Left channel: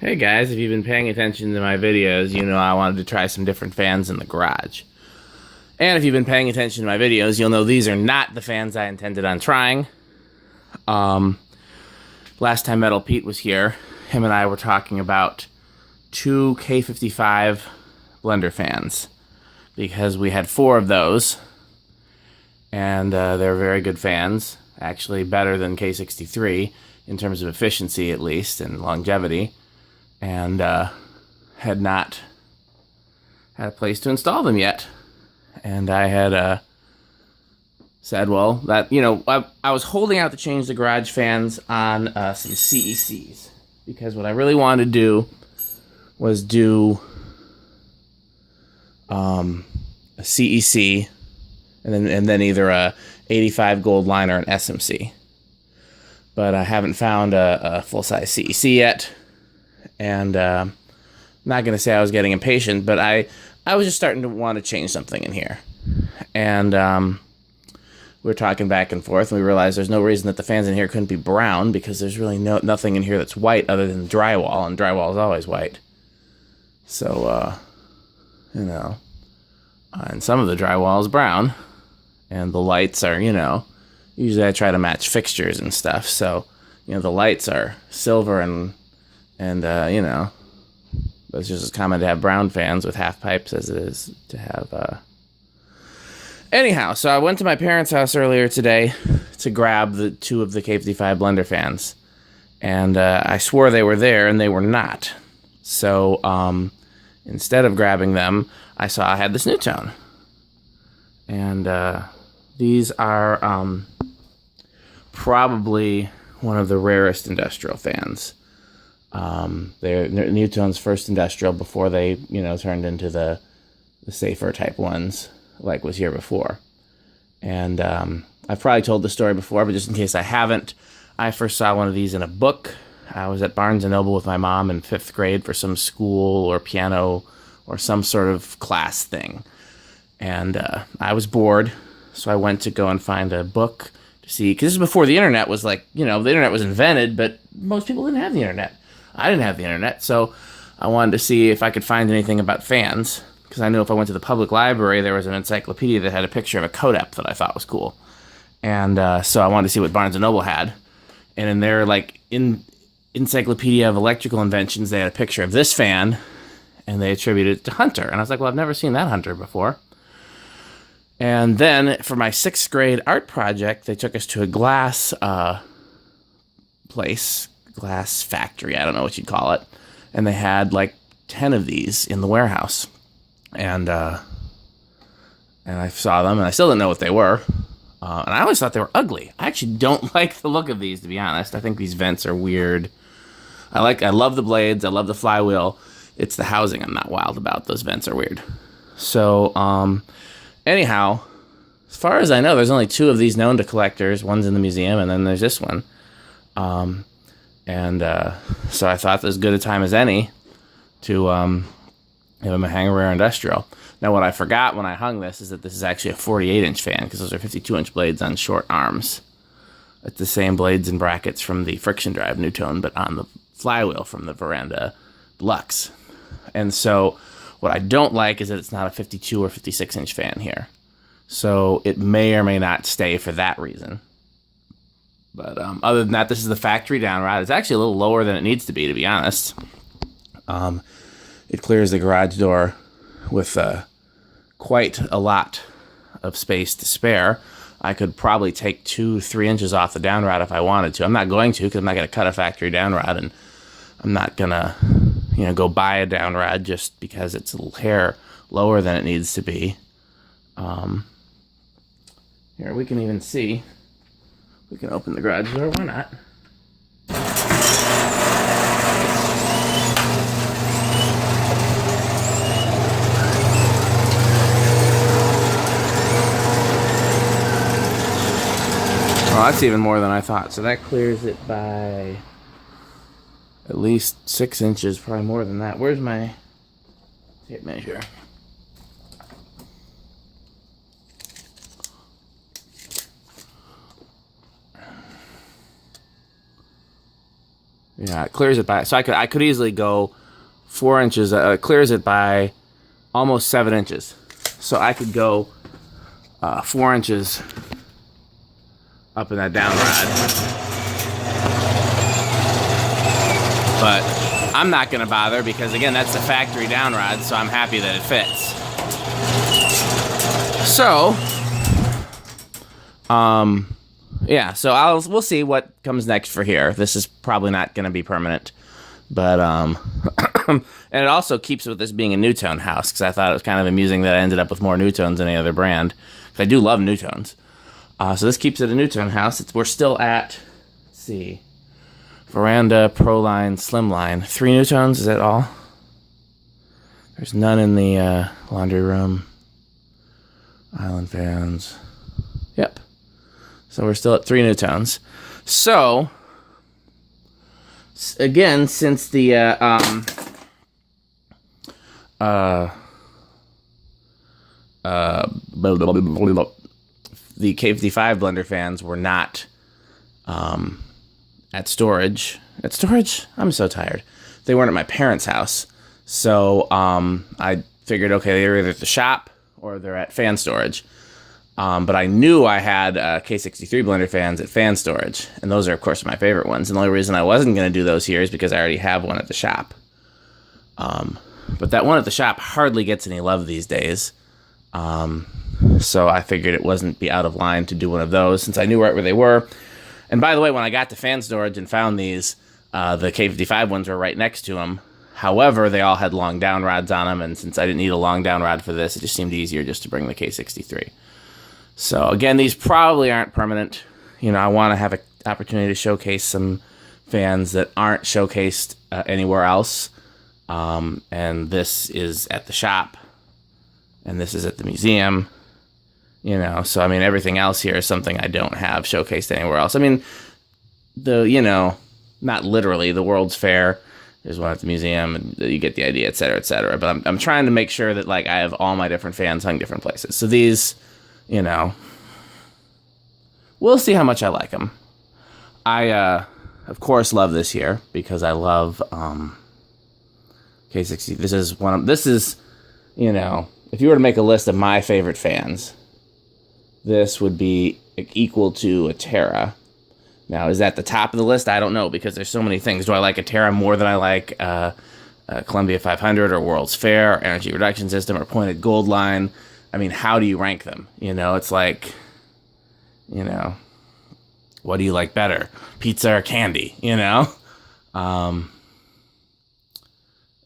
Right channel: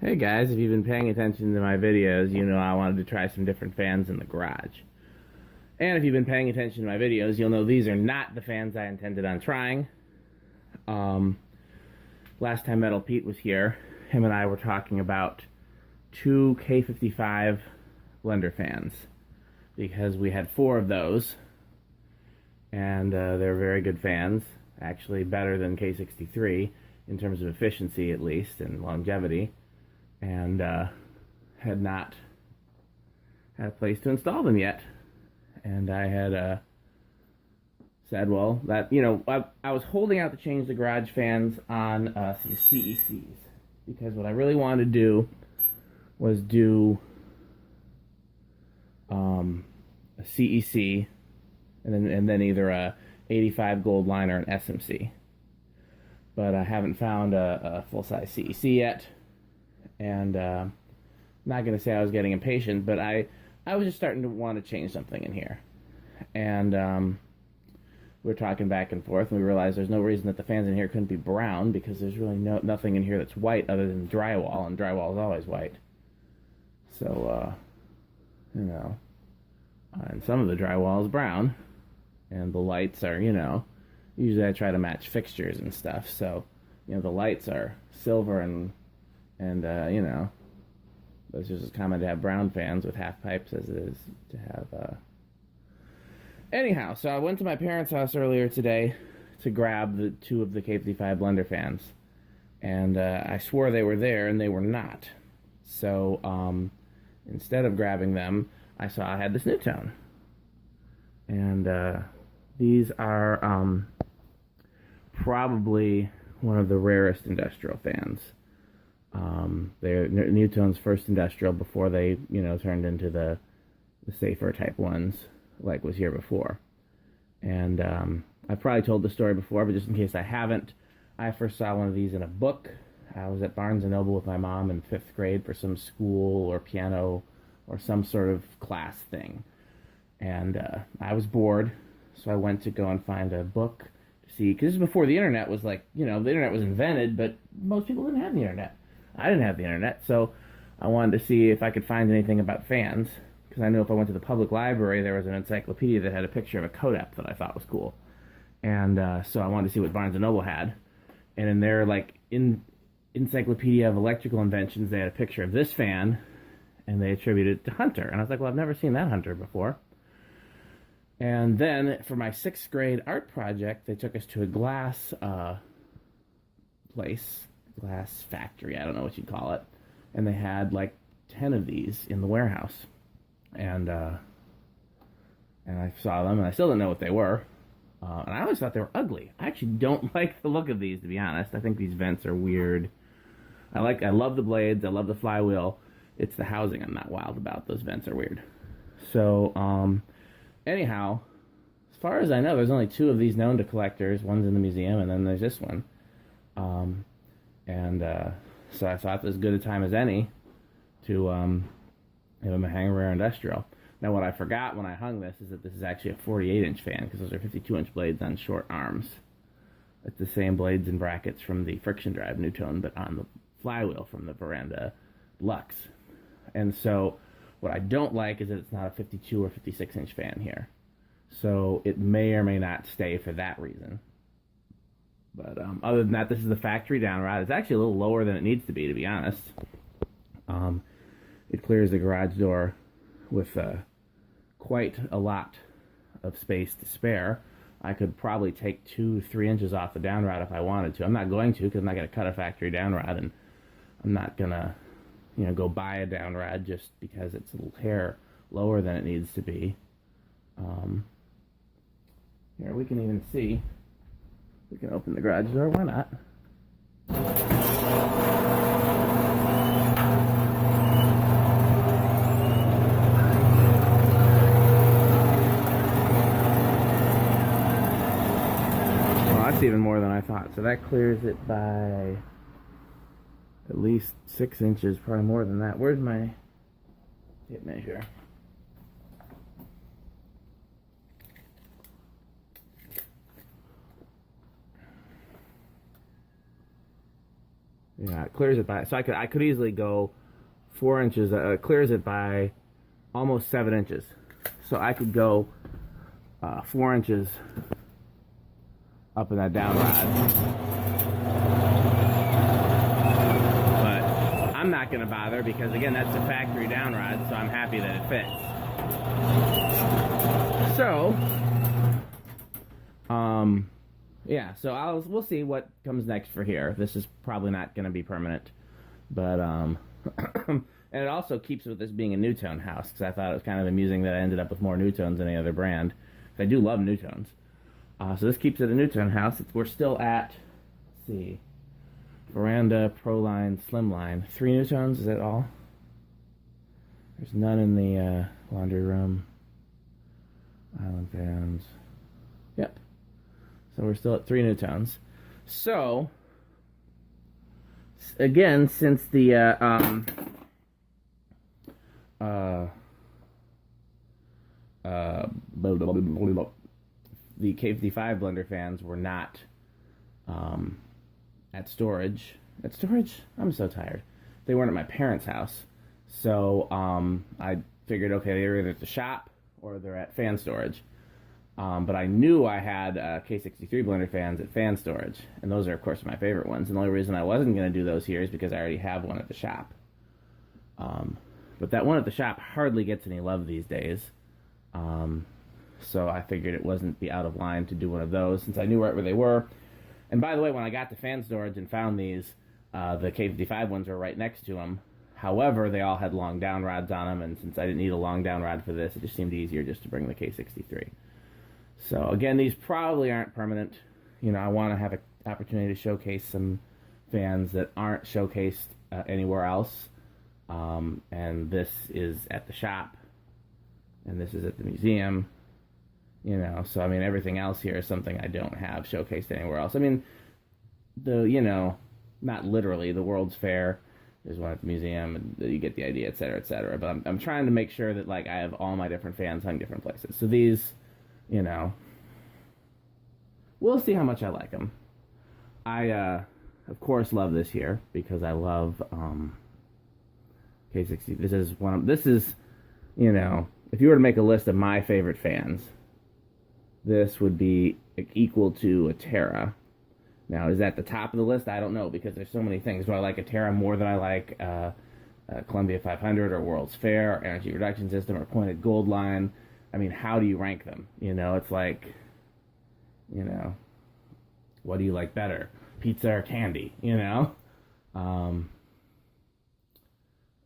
Hey guys, if you've been paying attention to my videos, you know I wanted to try some different fans in the garage. And if you've been paying attention to my videos, you'll know these are not the fans I intended on trying. Last time Metal Pete was here, him and I were talking about two K55 blender fans. Because we had 4 of those, and they're very good fans. Actually better than K63 in terms of efficiency at least, and longevity. And had not had a place to install them yet. And I had said, well, that, you know, I was holding out to change the garage fans on some CECs. Because what I really wanted to do was do a CEC and then either a 85 gold line or an SMC. But I haven't found a full-size CEC yet. And I'm not going to say I was getting impatient, but I was just starting to want to change something in here. And we were talking back and forth, and we realized there's no reason that the fans in here couldn't be brown, because there's really nothing in here that's white other than drywall, and drywall is always white. So, you know, and some of the drywall is brown, and the lights are, you know, usually I try to match fixtures and stuff, so, you know, the lights are silver and you know, it's just as common to have brown fans with half pipes as it is to have, Anyhow, so I went to my parents' house earlier today to grab the 2 of the K55 blender fans, and I swore they were there, and they were not. So, instead of grabbing them, I saw I had this Nutone. And these are probably one of the rarest industrial fans. They're Nutone's first industrial before they, you know, turned into the safer type ones like was here before. And I've probably told the story before, but just in case I haven't, I first saw one of these in a book. I was at Barnes & Noble with my mom in 5th grade for some school or piano or some sort of class thing. And I was bored, so I went to go and find a book to see, because this is before the internet was like, you know, the internet was invented, but most people didn't have the internet. I didn't have the internet, so I wanted to see if I could find anything about fans, because I knew if I went to the public library, there was an encyclopedia that had a picture of a Codep that I thought was cool. And so I wanted to see what Barnes & Noble had. And in their, like, Encyclopedia of Electrical Inventions, they had a picture of this fan, and they attributed it to Hunter. And I was like, well, I've never seen that Hunter before. And then, for my 6th grade art project, they took us to a glass place, glass factory, I don't know what you'd call it. And they had, like, 10 of these in the warehouse. And I saw them, and I still didn't know what they were. And I always thought they were ugly. I actually don't like the look of these, to be honest. I think these vents are weird. I love the blades. I love the flywheel. It's the housing I'm not wild about. Those vents are weird. So, anyhow, as far as I know, there's only 2 of these known to collectors. One's in the museum, and then there's this one. So I thought as good a time as any to have them hang a rare industrial. Now, what I forgot when I hung this is that this is actually a 48-inch fan, because those are 52-inch blades on short arms. It's the same blades and brackets from the friction drive Nutone, but on the flywheel from the Veranda Deluxe. And so what I don't like is that it's not a 52 or 56-inch fan here. So it may or may not stay for that reason. But other than that, this is the factory down rod. It's actually a little lower than it needs to be honest. It clears the garage door with quite a lot of space to spare. I could probably take 2-3 inches off the down rod if I wanted to. I'm not going to, because I'm not going to cut a factory down rod, and I'm not going to, you know, go buy a down rod just because it's a little hair lower than it needs to be. Here, we can even see. We can open the garage door. Why not? Well, that's even more than I thought. So that clears it by at least 6 inches, probably more than that. Where's my tape measure? Yeah, it clears it by, so I could easily go 4 inches. It clears it by almost 7 inches. So I could go 4 inches up in that down rod. But I'm not going to bother because, again, that's the factory down rod, so I'm happy that it fits. So, yeah, so we'll see what comes next for here. This is probably not going to be permanent, but and it also keeps with this being a Nutone house, because I thought it was kind of amusing that I ended up with more Nutones than any other brand. I do love Nutones. So this keeps it a Nutone house. We're still at, let's see, Veranda, Proline, Slimline. 3 Nutones, is that all? There's none in the laundry room. Island fans. Yep. So we're still at 3 Nutones. So, again, since the the K55 blender fans were not at storage. At storage? I'm so tired. They weren't at my parents' house. So I figured, okay, they're either at the shop or they're at fan storage. But I knew I had K63 blender fans at fan storage. And those are, of course, my favorite ones. And the only reason I wasn't going to do those here is because I already have one at the shop. But that one at the shop hardly gets any love these days. So I figured it wasn't be out of line to do one of those since I knew right where they were. And by the way, when I got to fan storage and found these, the K55 ones were right next to them. However, they all had long down rods on them, and since I didn't need a long down rod for this, it just seemed easier just to bring the K63. So again, these probably aren't permanent. You know, I want to have an opportunity to showcase some fans that aren't showcased anywhere else. And this is at the shop, and this is at the museum. You know, so I mean, everything else here is something I don't have showcased anywhere else. I mean, not literally, the World's Fair is one at the museum, and you get the idea, et cetera, et cetera. But I'm trying to make sure that, like, I have all my different fans hung different places. So these, you know, we'll see how much I like them. I, of course, love this here because I love K60. This is, you know, if you were to make a list of my favorite fans, this would be equal to a Terra. Now, is that the top of the list? I don't know, because there's so many things. Do I like a Terra more than I like Columbia 500 or World's Fair or Energy Reduction System or Pointed Gold Line? I mean, how do you rank them? You know, it's like, you know, what do you like better? Pizza or candy, you know?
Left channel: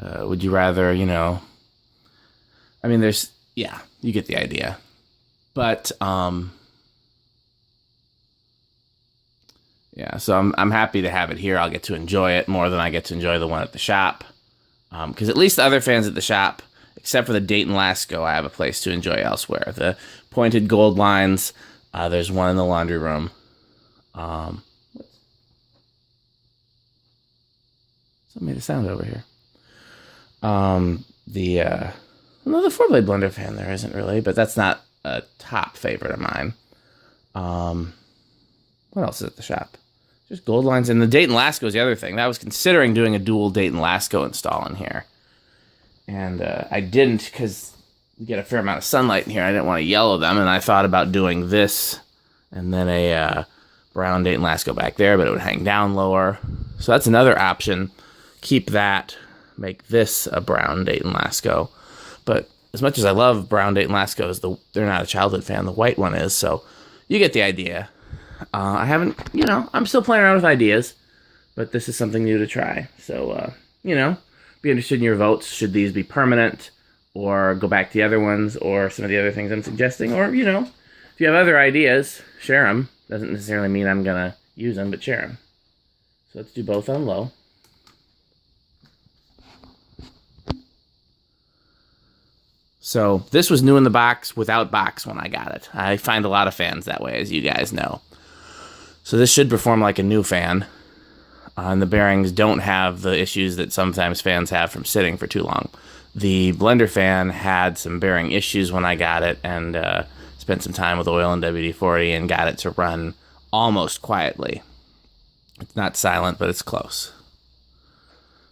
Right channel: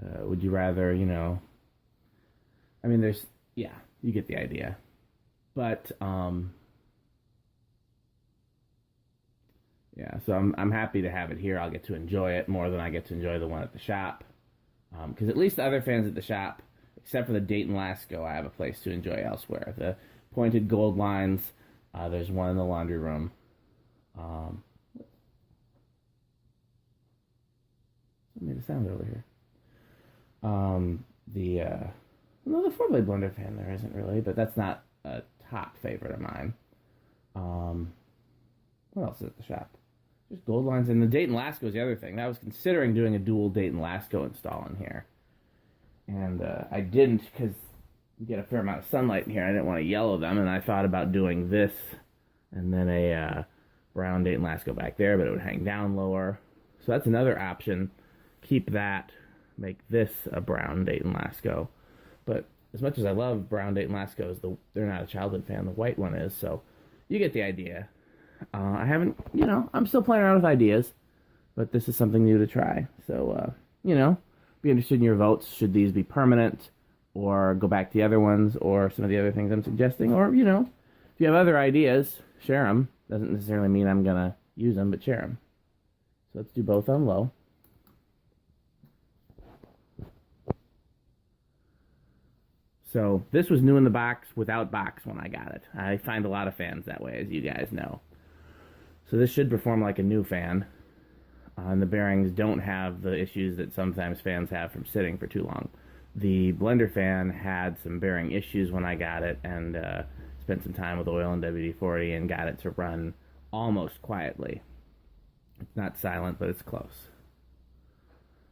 Would you rather, you know... I mean, yeah, you get the idea. But, yeah, so I'm happy to have it here. I'll get to enjoy it more than I get to enjoy the one at the shop. Because at least the other fans at the shop, except for the Dayton Lasko, I have a place to enjoy elsewhere. The Pointed Gold Lines, there's one in the laundry room. Something made a sound over here. The 4-blade blender fan there isn't really, but that's not a top favorite of mine. What else is at the shop? Just gold lines. And the Dayton Lasko is the other thing. I was considering doing a dual Dayton Lasko install in here. And I didn't because you get a fair amount of sunlight in here. I didn't want to yellow them. And I thought about doing this and then a brown Dayton Lasko back there, but it would hang down lower. So that's another option. Keep that. Make this a brown Dayton Lasko. But as much as I love brown Dayton Laskos, they're not a childhood fan. The white one is. So you get the idea. I haven't, you know, I'm still playing around with ideas, but this is something new to try. So, you know, be interested in your votes. Should these be permanent or go back to the other ones or some of the other things I'm suggesting? Or, you know, if you have other ideas, share them. Doesn't necessarily mean I'm going to use them, but share them. So let's do both on low. So this was new in the box without box when I got it. I find a lot of fans that way, as you guys know. So this should perform like a new fan. And the bearings don't have the issues that sometimes fans have from sitting for too long. The Blenderfan had some bearing issues when I got it, and spent some time with oil and WD-40 and got it to run almost quietly. It's not silent, but it's close.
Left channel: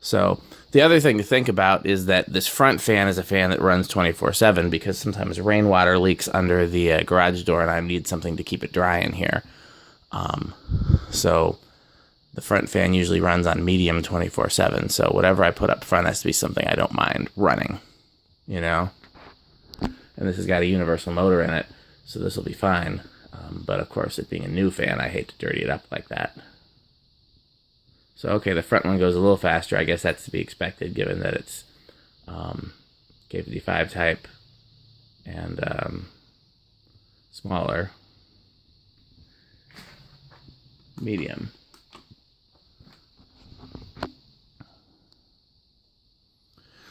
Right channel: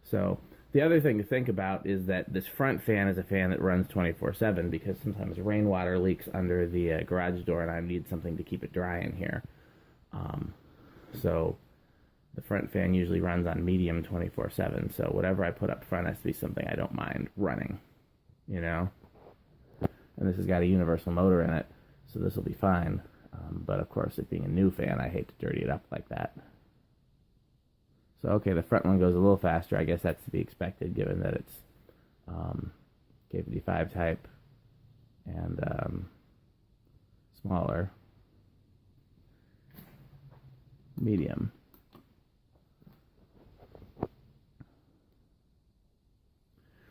So the other thing to think about is that this front fan is a fan that runs 24/7 because sometimes rainwater leaks under the garage door and I need something to keep it dry in here. So the front fan usually runs on medium 24/7. So whatever I put up front has to be something I don't mind running, you know? And this has got a universal motor in it, so this will be fine. But of course, it being a new fan, I hate to dirty it up like that. So, okay, the front one goes a little faster. I guess that's to be expected given that it's K55 type and smaller. Medium.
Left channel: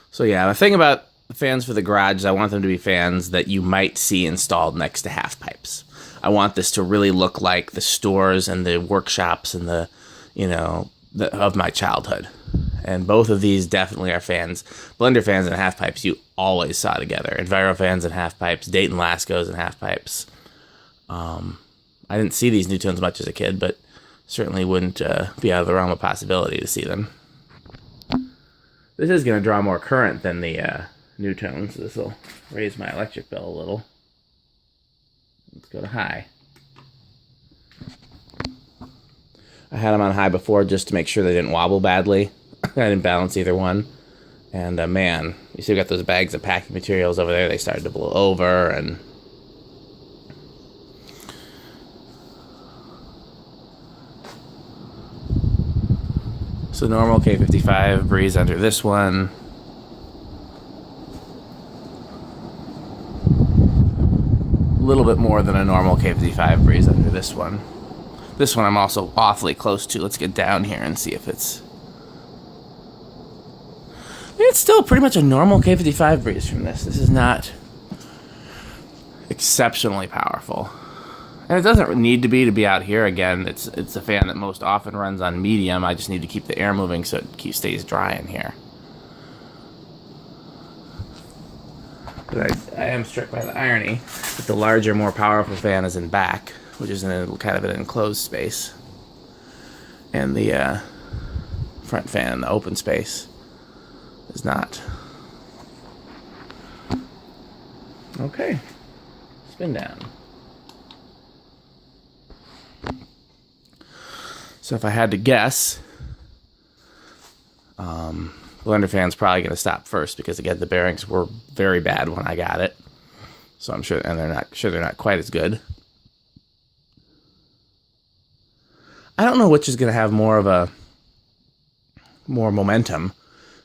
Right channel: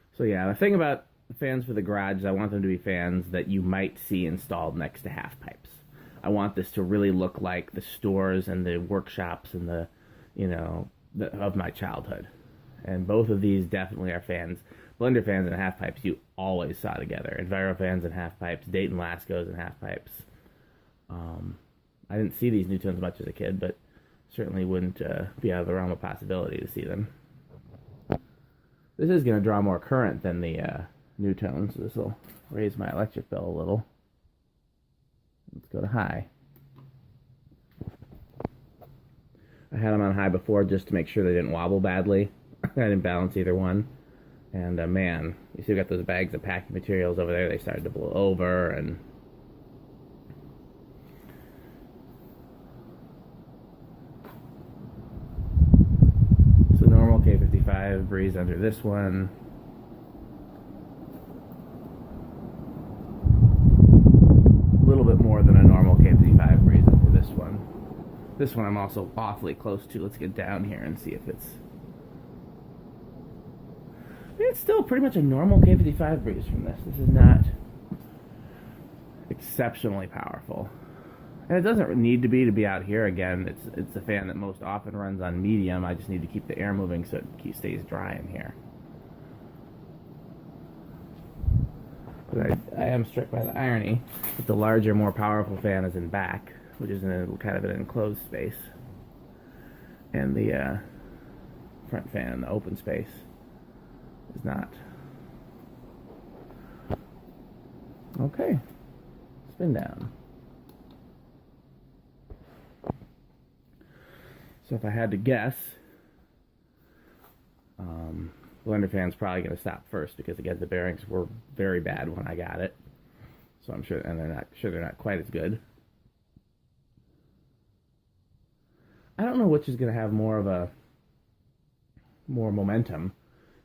So yeah, the thing about the fans for the garage is I want them to be fans that you might see installed next to half pipes. I want this to really look like the stores and the workshops and the, you know, of my childhood. And both of these definitely are fans. Blender fans and half pipes you always saw together. Envirofans and half pipes, Dayton laskos and half pipes. I didn't see these Nutones much as a kid, but certainly wouldn't be out of the realm of possibility to see them. This is going to draw more current than the Nutone, so this will raise my electric bill a little. Let's go to high. I had them on high before just to make sure they didn't wobble badly. I didn't balance either one. And man, you see we got those bags of packing materials over there. They started to blow over and... So normal K55 breeze under this one. A little bit more than a normal K55 breeze under this one. This one I'm also awfully close to. Let's get down here and see if it's... It's still pretty much a normal K55 breeze from this. This is not exceptionally powerful. And it doesn't need to be out here. Again, it's a fan that most often runs on medium. I just need to keep the air moving so it stays dry in here. But I am struck by the irony that the larger, more powerful fan is in back, which is in a kind of an enclosed space. And the front fan in the open space is not. Okay. Spin down. So if I had to guess, Blenderfan's probably going to stop first because again the bearings were very bad when I got it. So I'm sure, and they're not quite as good. I don't know which is going to have more momentum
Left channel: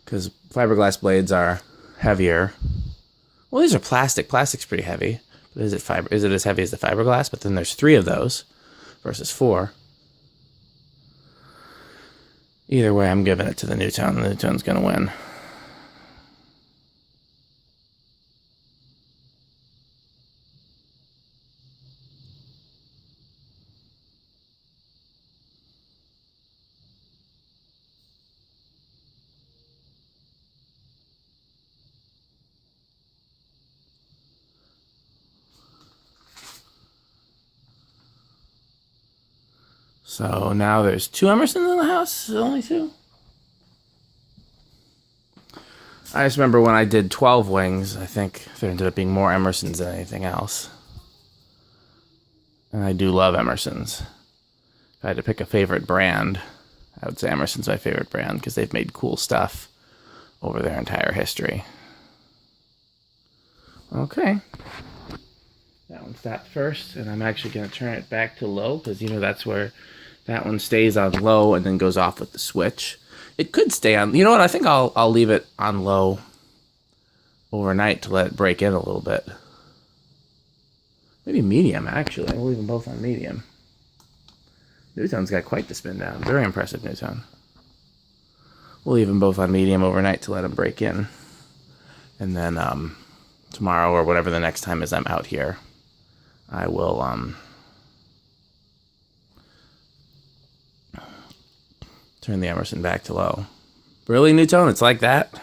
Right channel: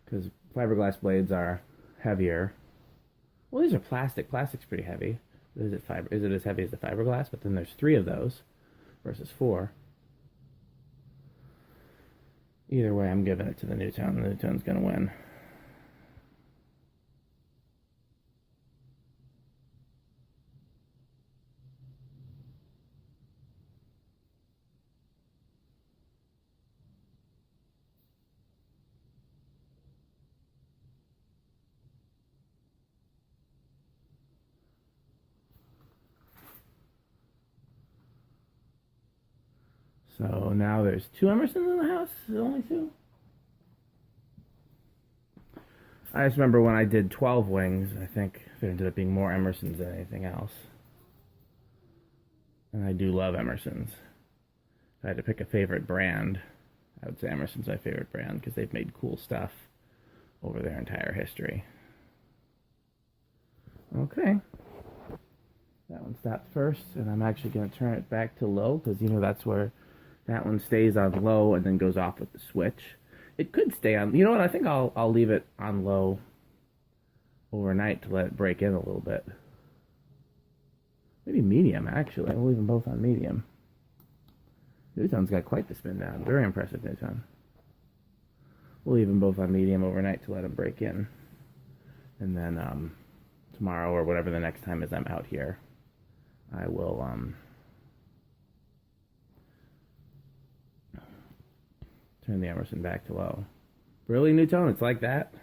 because fiberglass blades are heavier. Well, these are plastic. Plastic's pretty heavy. But is it as heavy as the fiberglass? But then there's 3 of those versus 4. Either way, I'm giving it to the Nutone. The Nutone's going to win. So now there's 2 Emersons in the house? Only 2? I just remember when I did 12 wings, I think there ended up being more Emersons than anything else. And I do love Emersons. If I had to pick a favorite brand, I would say Emerson's my favorite brand because they've made cool stuff over their entire history. Okay. That one stopped first, and I'm actually going to turn it back to low because, you know, that's where that one stays on low and then goes off with the switch. It could stay on... You know what? I think I'll leave it on low overnight to let it break in a little bit. Maybe medium, actually. We'll leave them both on medium. Nutone's got quite the spin down. Very impressive Nutone. We'll leave them both on medium overnight to let them break in. And then tomorrow or whatever the next time is I'm out here, I will... turn the Emerson back to low. Really, Nutone? It's like that?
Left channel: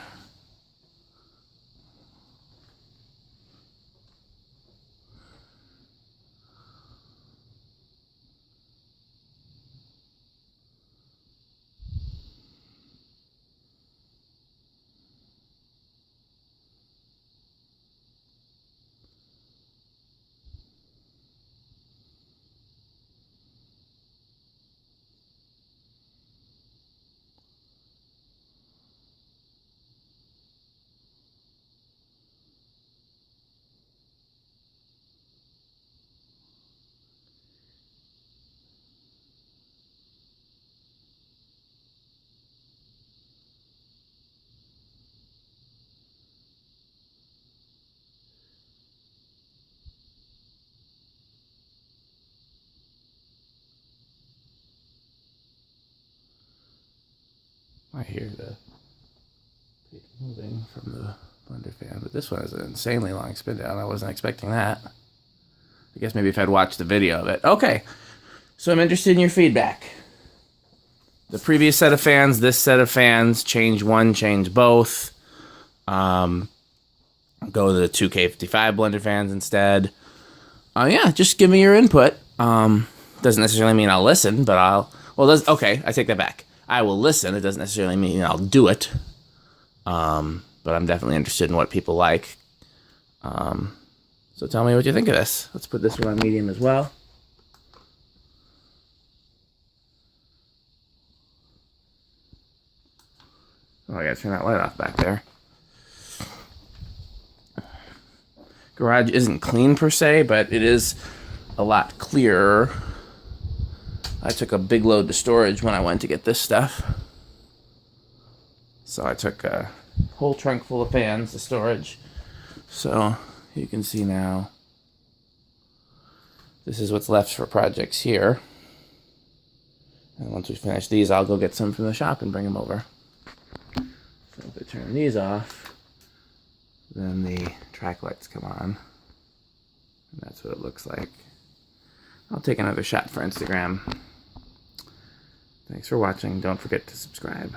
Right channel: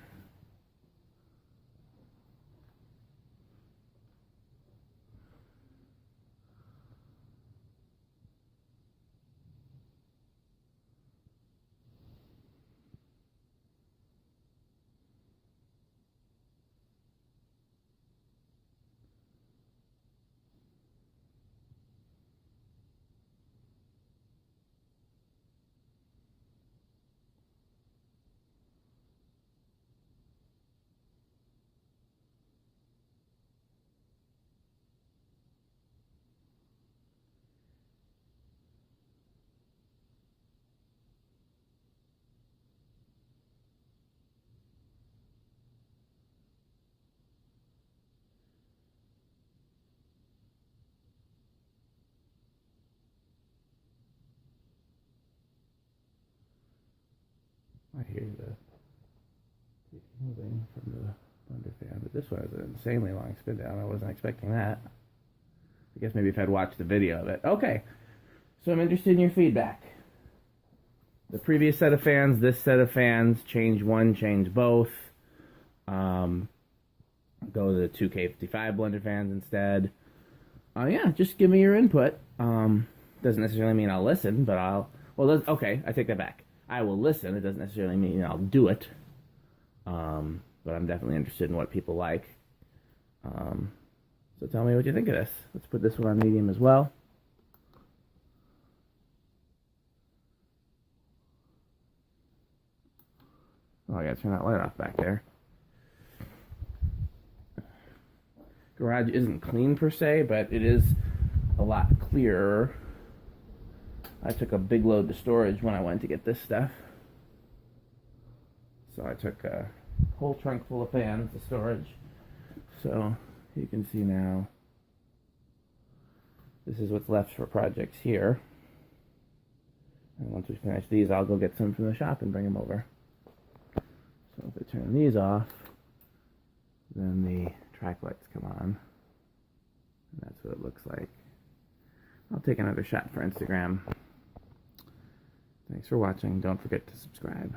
I hear the paper moving from the Blenderfan, but this one has an insanely long spin down. I wasn't expecting that. I guess maybe if I'd watched the video of it. Okay, so I'm interested in your feedback. The previous set of fans, this set of fans, change one, change both. Go to the 2K55 blender fans instead. Yeah, just give me your input. Doesn't necessarily mean I'll listen, but okay, I take that back. I will listen. It doesn't necessarily mean I'll do it. But I'm definitely interested in what people like. So tell me what you think of this. Let's put this one on medium as well. Oh, I gotta turn that light off back there. Garage isn't clean per se, but it is a lot clearer. I took a big load to storage when I went to get this stuff. So I took a whole trunk full of fans to storage. So you can see now, this is what's left for projects here. And once we finish these, I'll go get some from the shop and bring them over. So if I turn these off, then the track lights come on. And that's what it looks like. I'll take another shot for Instagram. Thanks for watching. Don't forget to subscribe.